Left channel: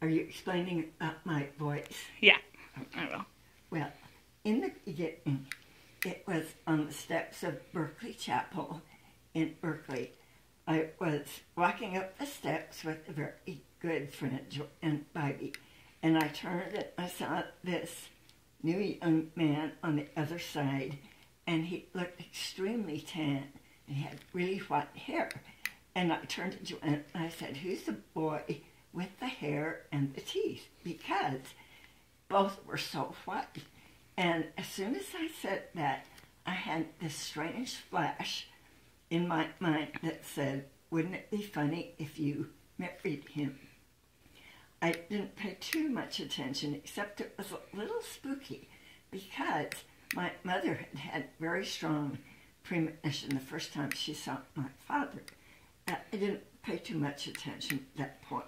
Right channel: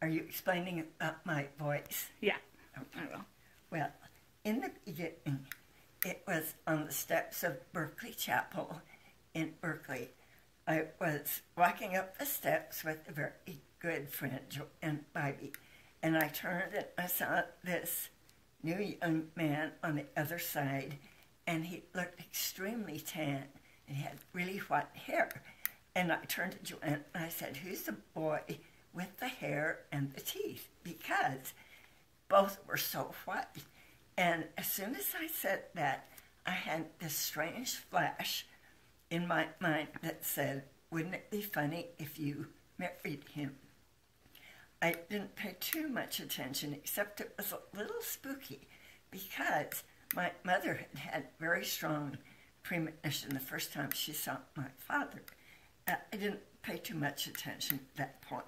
Are you explaining about my voice? Yeah, I will. Well, in the beginning, it was on the steps of Berkeley Chapel in Berkeley. I was walking up the steps with a very good friend, Joanne Bybee, and I turned and I saw this new young man on the other side, and he looked extremely tan, and he had really white hair. And I turned to Joanne and I said, "Who's the boy with the hair and the teeth?" Because both were so white. And as soon as I said that, I had this strange flash in my mind that said, wouldn't it be funny if you married him? I didn't pay too much attention, except it was a little spooky because my mother had had very strong premonition the first time she saw my father. I didn't pay too much attention at that point.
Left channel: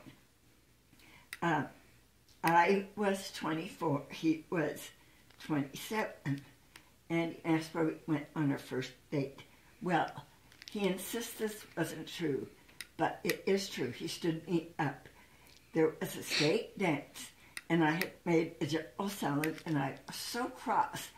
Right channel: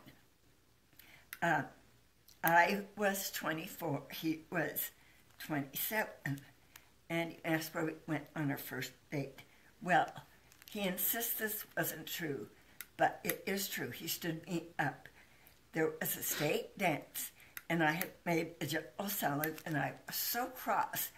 I was 24, he was 27, and he asked where we went on our first date. Well, he insists this wasn't true, but it is true. He stood me up. There was a state dance, and I had made a juggle salad, and I was so cross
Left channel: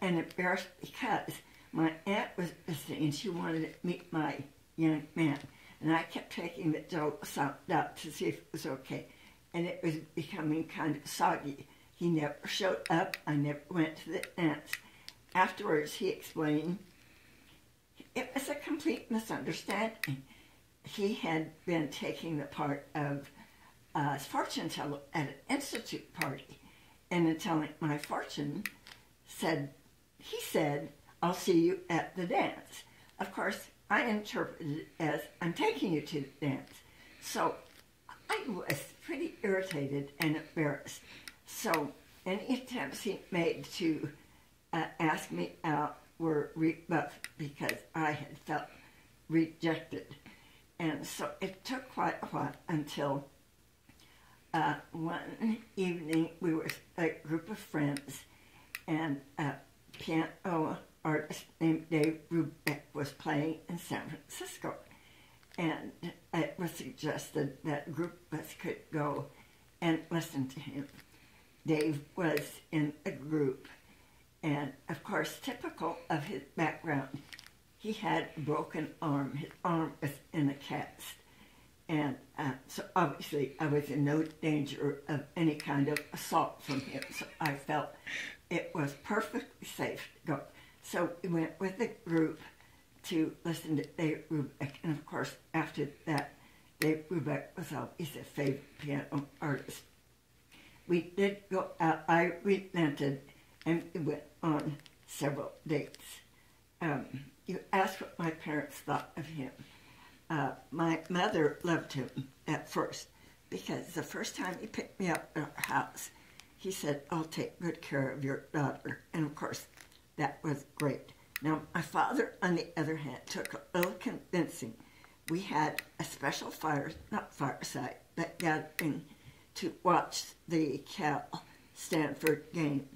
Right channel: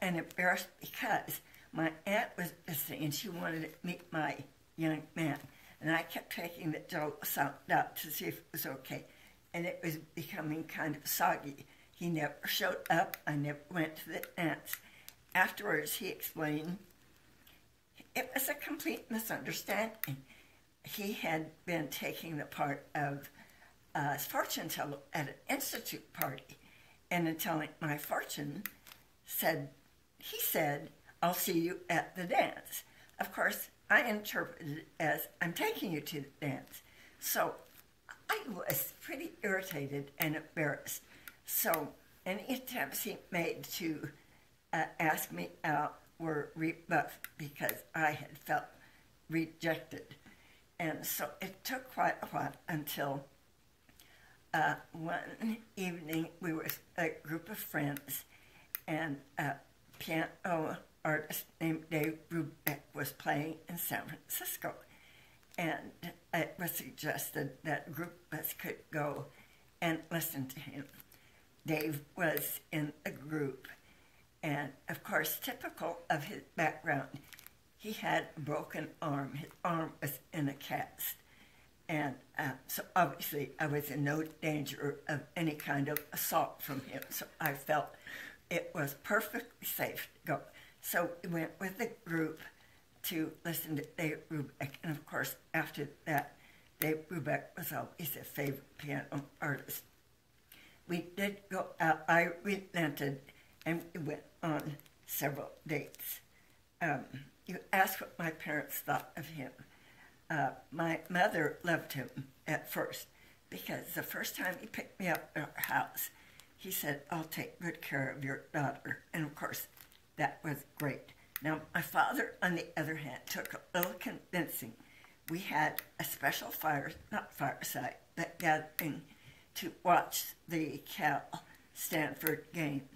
and embarrassed because my aunt was visiting, and she wanted to meet my young man. And I kept taking the juggle salad out to see if it was okay, and it was becoming kind of soggy. He never showed up. I never went to the dance. Afterwards, he explained it was a complete misunderstanding. He had been taking the part of fortune teller at an institute party, and in telling my fortune, he said, "I'll see you at the dance." Of course, I interpreted it as, "I'm taking you to the dance." So I was pretty irritated and embarrassed. So any attempts he made to ask me out were rebuffed because I had felt rejected. And so it took quite a while until one evening we were a group of friends, and a piano artist named Dave Brubeck was playing in San Francisco. And it was suggested that a group of us could go and listen to him. Dave was in a group, and of course, typical of his background, he had a broken arm. His arm was in a cast. And so obviously I was in no danger of any kind of assault from him. So I felt it was perfectly safe to go. So we went with the group to listen to Dave Brubeck. And of course, after that, Dave Brubeck was always a favorite piano artist. We did go out. I relented, and we went on several dates. You asked what my parents thought of him. My mother loved him at first because the first time he picked me up at our house, he said, "I'll take good care of your daughter." And of course, that was great. Now, my father, on the other hand, took a little convincing. We had a special not fireside, but gathering to watch the Cal Stanford game.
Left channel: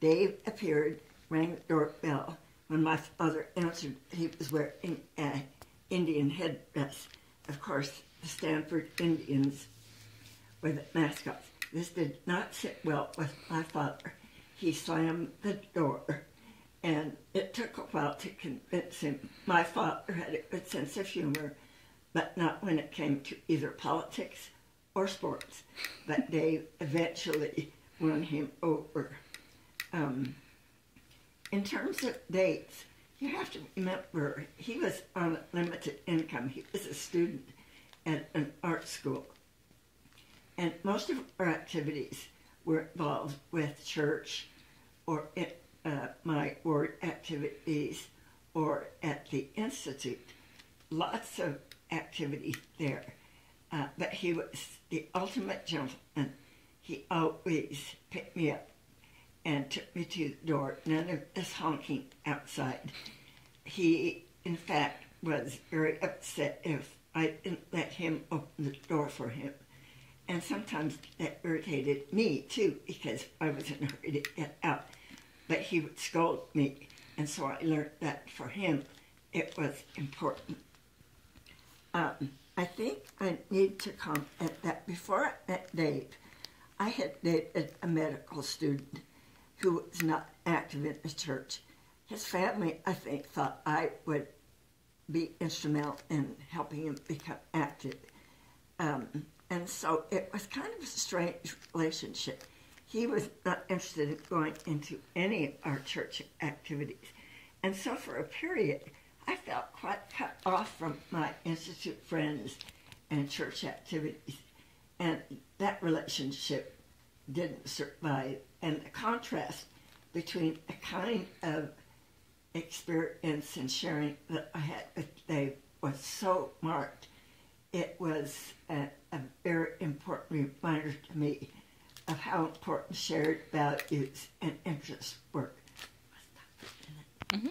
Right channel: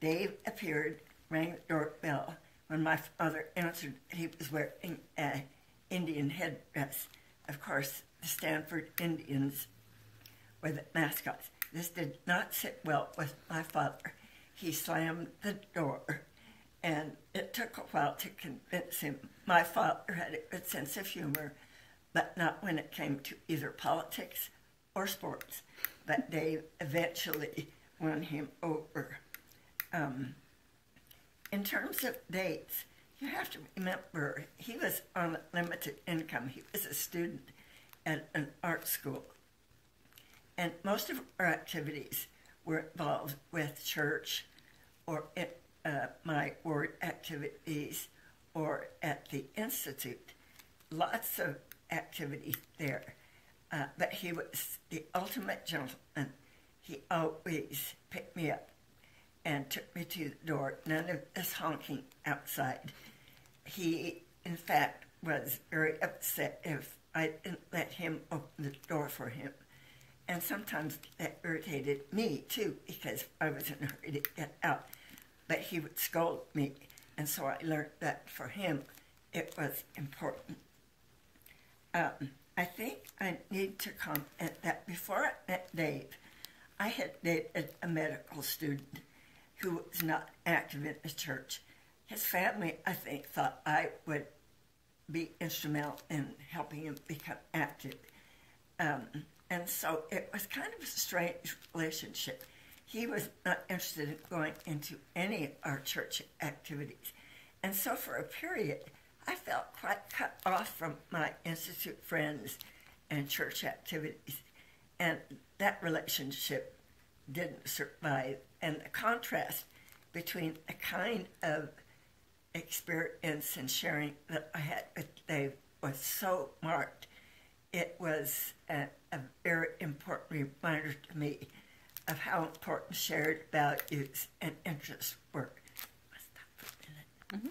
Dave appeared, rang the doorbell. When my father answered, he was wearing an Indian headdress. Of course, the Stanford Indians were the mascots. This did not sit well with my father. He slammed the door, and it took a while to convince him. My father had a good sense of humor, but not when it came to either politics or sports. But Dave eventually won him over. In terms of dates, you have to remember he was on a limited income. He was a student at an art school. And most of our activities were involved with church or my ward activities or at the institute. Lots of activity there. But he was the ultimate gentleman. He always picked me up and took me to the door. None of this honking outside. He, in fact, was very upset if I didn't let him open the door for him. And sometimes that irritated me, too, because I was in a hurry to get out. But he would scold me, and so I learned that for him, it was important. I think I need to comment that before I met Dave, I had dated a medical student who was not active in the church. His family, I think, thought I would be instrumental in helping him become active. And so it was kind of a strange relationship. He was not interested in going into any of our church activities. And so for a period, I felt quite cut off from my institute friends and church activities. And that relationship didn't survive. And the contrast between the kind of experience and sharing that I had with Dave was so marked. It was a very important reminder to me of how important shared values and interests were. Mm-hmm.